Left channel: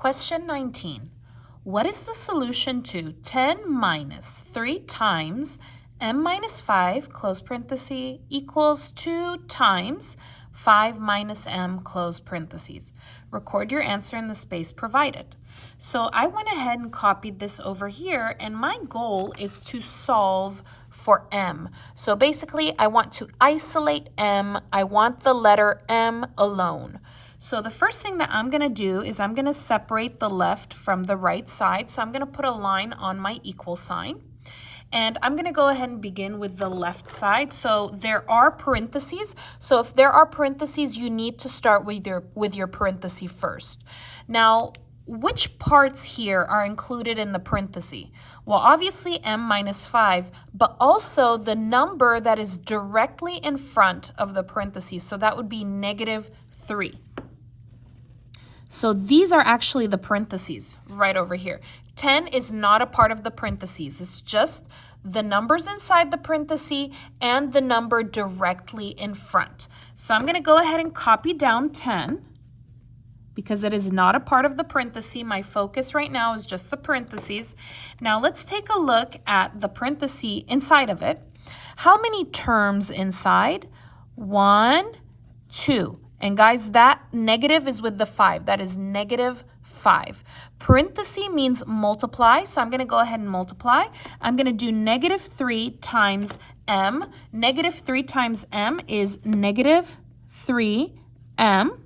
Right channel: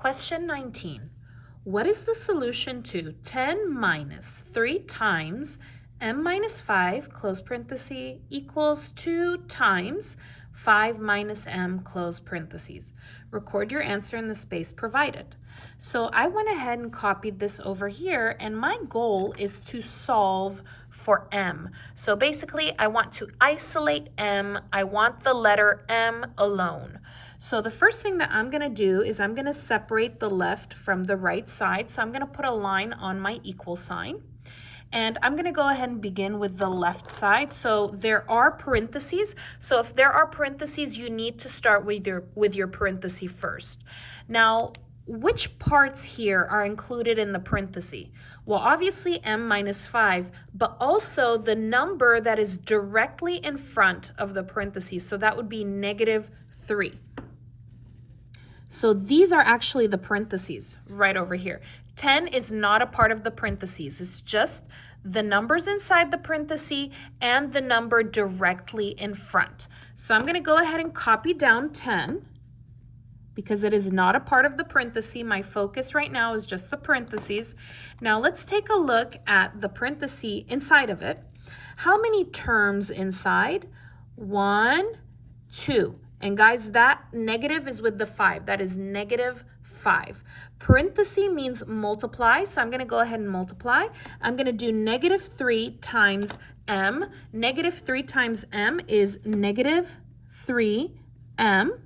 Question 19. What is the solution to 10 minus 3 times m minus 5, close parenthesis, equals 2 times 5 minus m, close parentheses? Record your answer in the space provided. So I went ahead and copied this over here, and my goal is to solve for m. So basically, I want to isolate m. I want the letter m alone. So the first thing that I'm going to do is I'm going to separate the left from the right side. So I'm going to put a line on my equal sign. And I'm going to go ahead and begin with the left side. So there are parentheses. So if there are parentheses, you need to start with your parenthesis first. Now, which parts here are included in the parenthesis? Well, obviously m minus 5, but also the number that is directly in front of the parentheses. So that would be negative 3. So these are actually the parentheses right over here. 10 is not a part of the parentheses. It's just the numbers inside the parenthesis and the number directly in front. So I'm going to go ahead and copy down 10 because it is not a part of the parenthesis. My focus right now is just the parentheses. Now let's take a look at the parenthesis inside of it. How many terms inside? 1, 2. And guys, that negative is with the 5. That is negative 5. Parenthesis means multiply, so I'm going to go ahead and multiply. I'm going to do negative 3 times m. Negative 3 times m is negative 3m.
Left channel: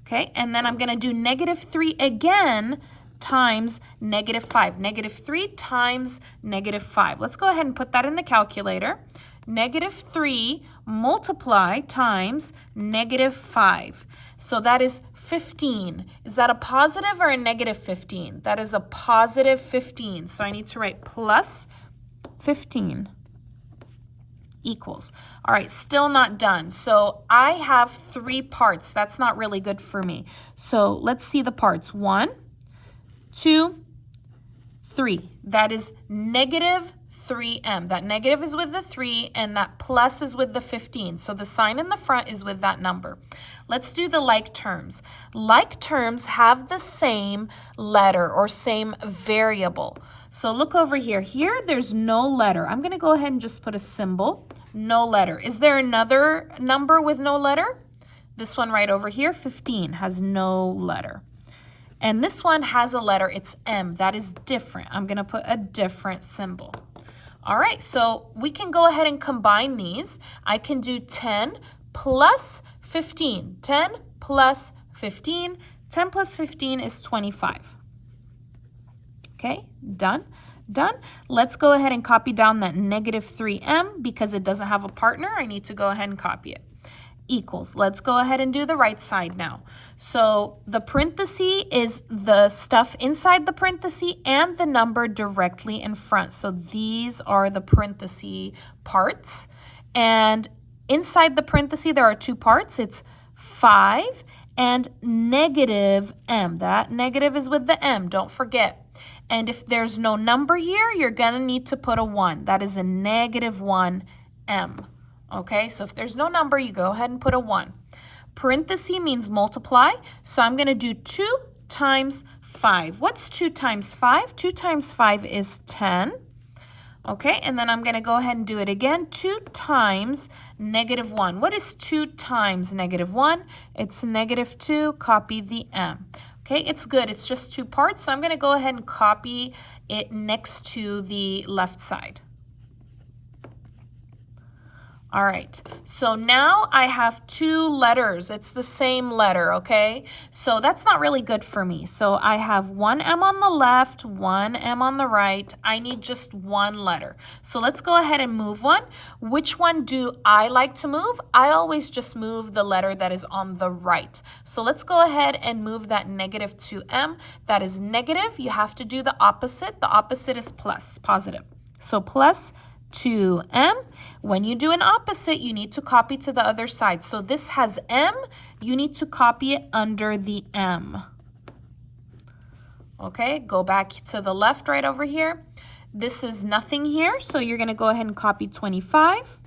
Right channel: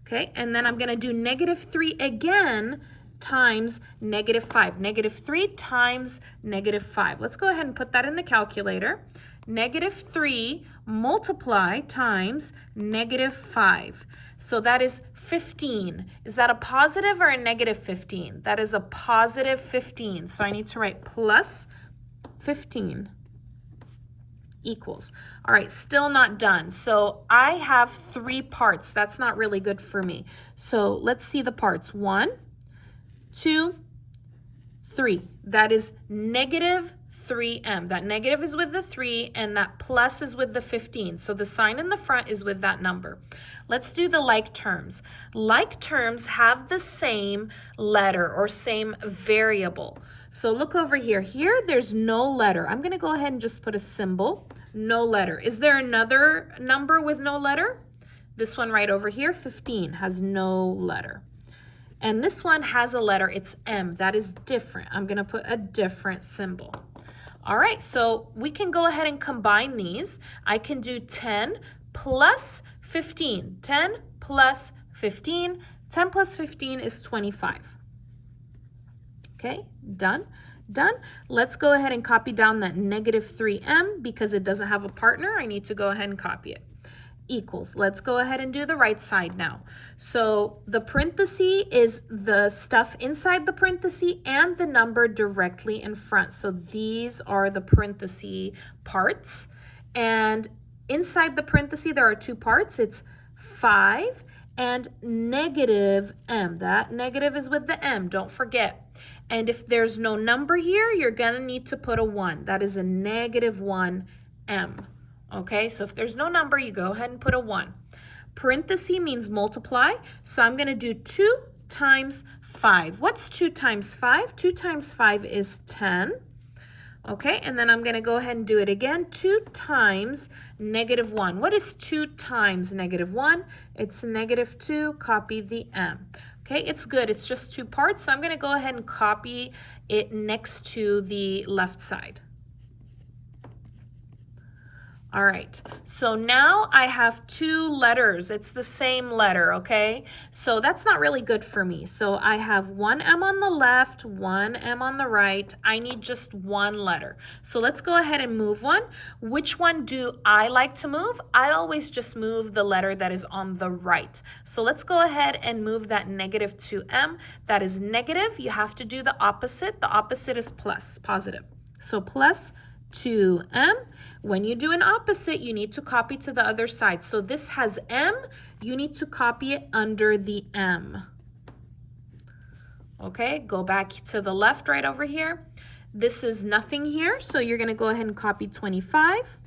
Okay, and then I'm going to do negative 3 again times negative 5. Negative 3 times negative 5. Let's go ahead and put that in the calculator. Negative 3 multiply times negative 5. So that is 15. Is that a positive or a negative 15? That is a positive 15. So I need to write plus 15 equals. All right, still not done. So I have 3 parts. That's not really good for me. So let's see the parts. 1, 2, 3. That is negative 3m. That negative is with the 3 and that plus is with the 15. So the sign in the front is with that number. Let's do the like terms. Like terms have the same letter or same variable. So look over here. Here there's no letter. I'm going to go ahead and just put a symbol. No letter. Is there another number with no letter? This one right over here, 15, has no letter. And this one has a letter. It's m. That is different. I'm going to put a different symbol. All right, so we can go ahead and combine these. I can do 10 plus 15. 10 plus 15. 10 plus 15 is 25. Okay, done. Done. Let's go ahead and copy down that negative 3m because it doesn't have a partner. I need to go ahead and copy it. Equals. Let's go ahead and do the right side now. So the parenthesis is the stuff inside the parenthesis and the number directly in front. So these are the parenthesis parts. And inside the parenthesis, there are 2 parts. It's 5 and negative m. That negative is with the m, don't forget. And if there's no number here, you're going to need to put a 1. That is a negative 1m. Okay, so if there's no number, you go ahead and put a 1. Parenthesis means multiply, so I'm going to do 2 times 5. What's 2 times 5? 2 times 5 is 10. Okay, and then I'm going to go ahead and do it again. 2 times negative 1. What is 2 times negative 1? It's negative 2. Copy the m. Okay, it's good. It's just 2 parts, so I'm going to go ahead and copy it next to the left side. All right, so now I have 2 letters. It's the same letter, okay? So that's not really good for me. So I have 1 M on the left, 1 M on the right. I need just 1 letter. So let's go ahead and move one. Which one do I like to move? I always just move the letter that is on the right. So let's go ahead and move that negative 2M. That is negative. You have to do the opposite. The opposite is plus, positive. So plus 2m. When you do an opposite, you need to copy to the other side. So this has m, you need to copy it under the m. Okay, go back to the left right over here. This is nothing here, so you're going to go ahead and copy 25.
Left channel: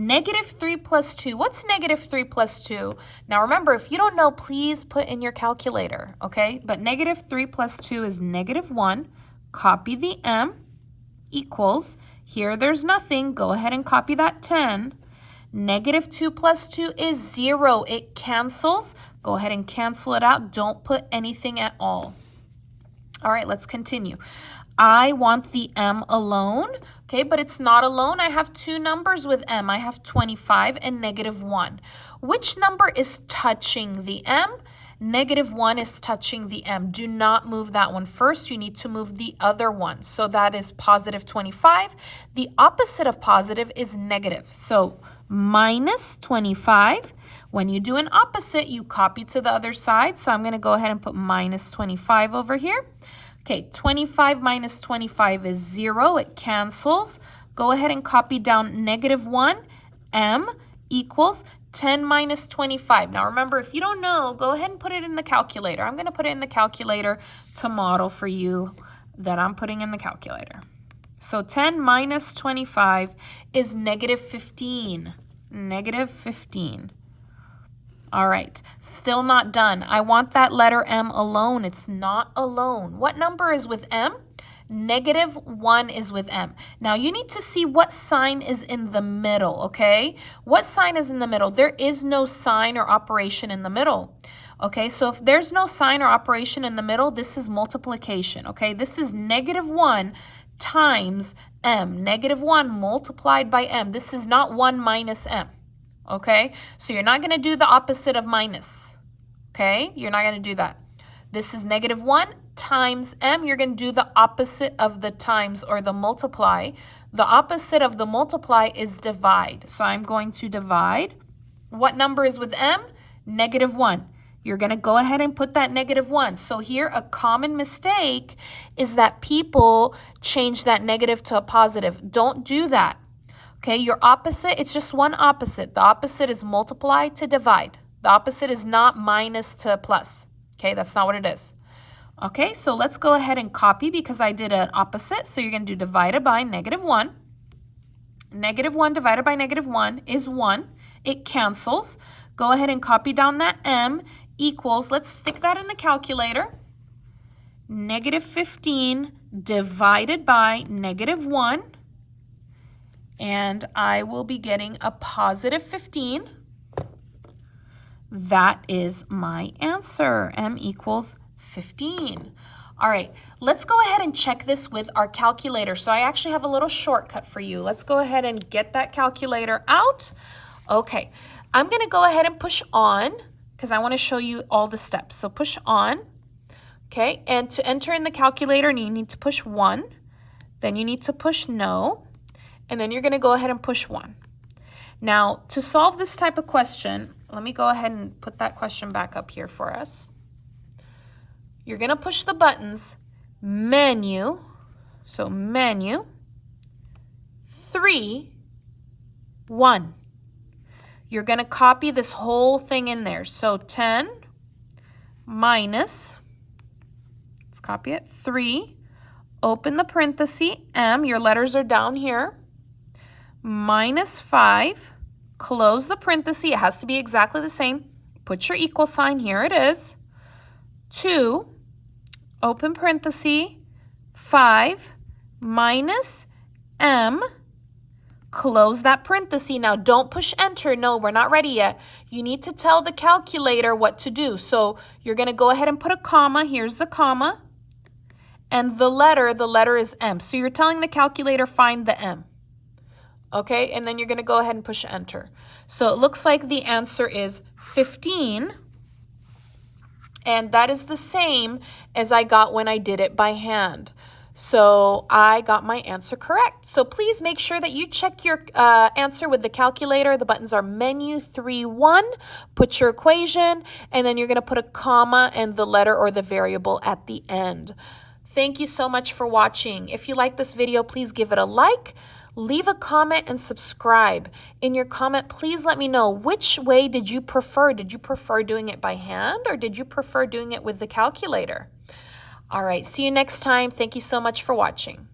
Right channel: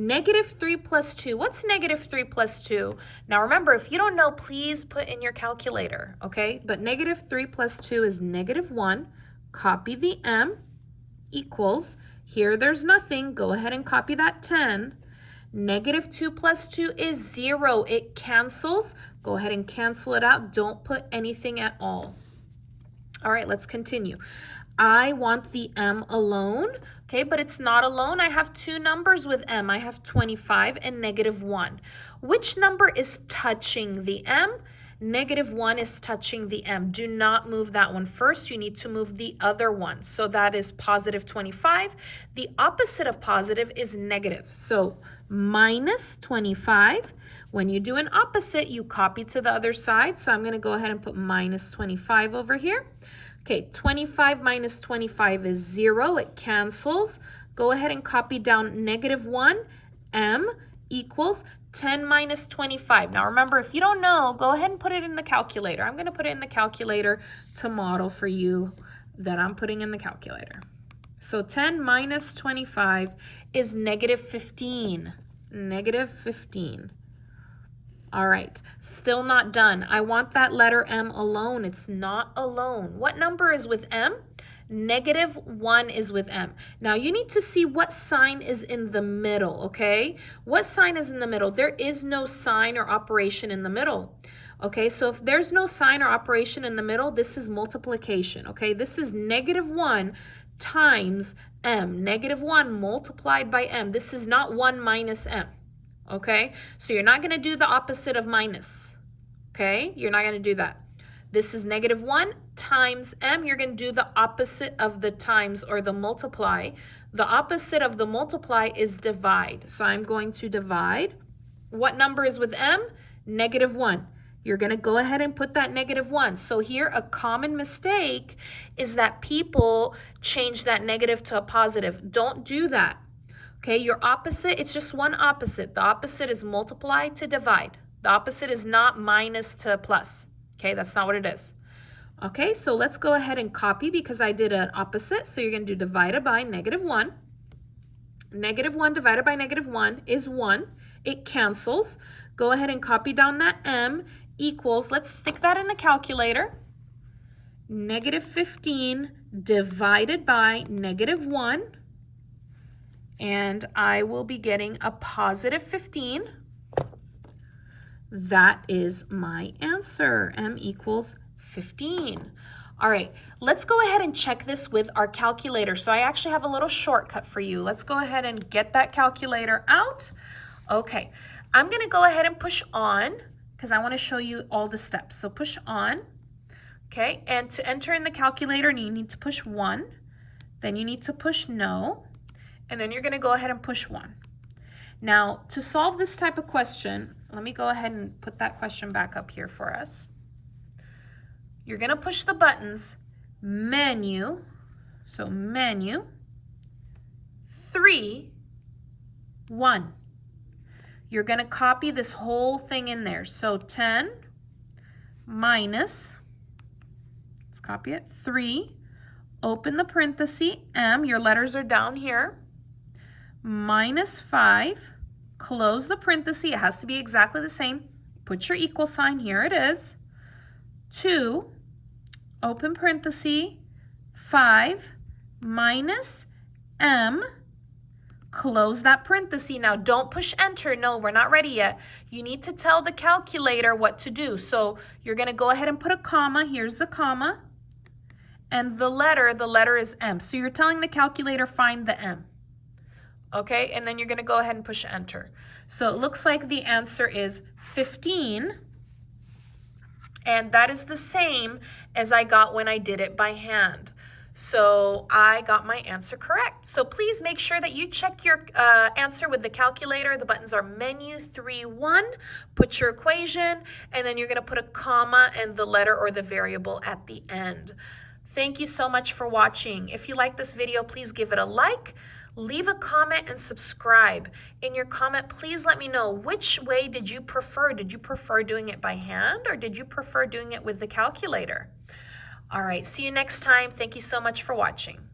Negative 3 plus 2. What's negative 3 plus 2? Now remember, if you don't know, please put in your calculator, okay? But negative 3 plus 2 is negative 1. Copy the m equals, here there's nothing. Go ahead and copy that 10. Negative 2 plus 2 is 0. It cancels. Go ahead and cancel it out. Don't put anything at all. All right, let's continue. I want the m alone, okay, but it's not alone. I have two numbers with m. I have 25 and negative 1. Which number is touching the m? Negative 1 is touching the m. Do not move that one first. You need to move the other one. So that is positive 25. The opposite of positive is negative. So minus 25. When you do an opposite, you copy to the other side. So I'm going to go ahead and put minus 25 over here. Okay, 25 minus 25 is 0. It cancels. Go ahead and copy down negative 1. M equals 10 minus 25. Now remember, if you don't know, go ahead and put it in the calculator. I'm going to put it in the calculator to model for you that I'm putting in the calculator. So 10 minus 25 is negative 15. Negative 15. All right, still not done. I want that letter m alone. It's not alone. What number is with m? Negative 1 is with m. Now you need to see what sign is in the middle, okay? What sign is in the middle? There is no sign or operation in the middle. Okay, so if there's no sign or operation in the middle, this is multiplication, okay? This is negative 1 times m. Negative 1 multiplied by m. This is not 1 minus m. Okay, so you're not going to do the opposite of minus. Okay, you're not going to do that. This is negative 1 times m. You're going to do the opposite of the times or the multiply. The opposite of the multiply is divide. So I'm going to divide. What number is with m? Negative 1. You're going to go ahead and put that negative 1. So here, a common mistake is that people change that negative to a positive. Don't do that. Okay, your opposite, it's just one opposite. The opposite is multiply to divide. The opposite is not minus to plus. Okay, that's not what it is. Okay, so let's go ahead and copy because I did an opposite. So you're going to do divided by negative 1. Negative 1 divided by negative 1 is 1. It cancels. Go ahead and copy down that m equals, let's stick that in the calculator. Negative 15 divided by negative 1. And I will be getting a positive 15. That is my answer. M equals 15. All right, let's go ahead and check this with our calculator. So I actually have a little shortcut for you. Let's go ahead and get that calculator out. Okay, I'm going to go ahead and push on because I want to show you all the steps. So push on. Okay, and to enter in the calculator, you need to push 1. Then you need to push no. And then you're going to go ahead and push 1. Now, to solve this type of question, let me go ahead and put that question back up here for us. You're going to push the buttons, menu, so menu, 3, 1. You're going to copy this whole thing in there. So 10 minus, let's copy it, 3, open the parenthesis, m, your letters are down here, minus 5, close the parenthesis, it has to be exactly the same, put your equal sign, here it is, 2, open parenthesis, 5, minus m, close that parenthesis. Now don't push enter, no, we're not ready yet. You need to tell the calculator what to do. So you're going to go ahead and put a comma, here's the comma, and the letter is m. So you're telling the calculator find the m. Okay, and then you're going to go ahead and push enter. So it looks like the answer is 15. And that is the same as I got when I did it by hand. So I got my answer correct. So please make sure that you check your answer with the calculator. The buttons are menu 3, 1. Put your equation, and then you're going to put a comma and the letter or the variable at the end. Thank you so much for watching. If you like this video, please give it a like. Leave a comment and subscribe. In your comment, please let me know which way did you prefer. Did you prefer doing it by hand or did you prefer doing it with the calculator? All right, see you next time. Thank you so much for watching.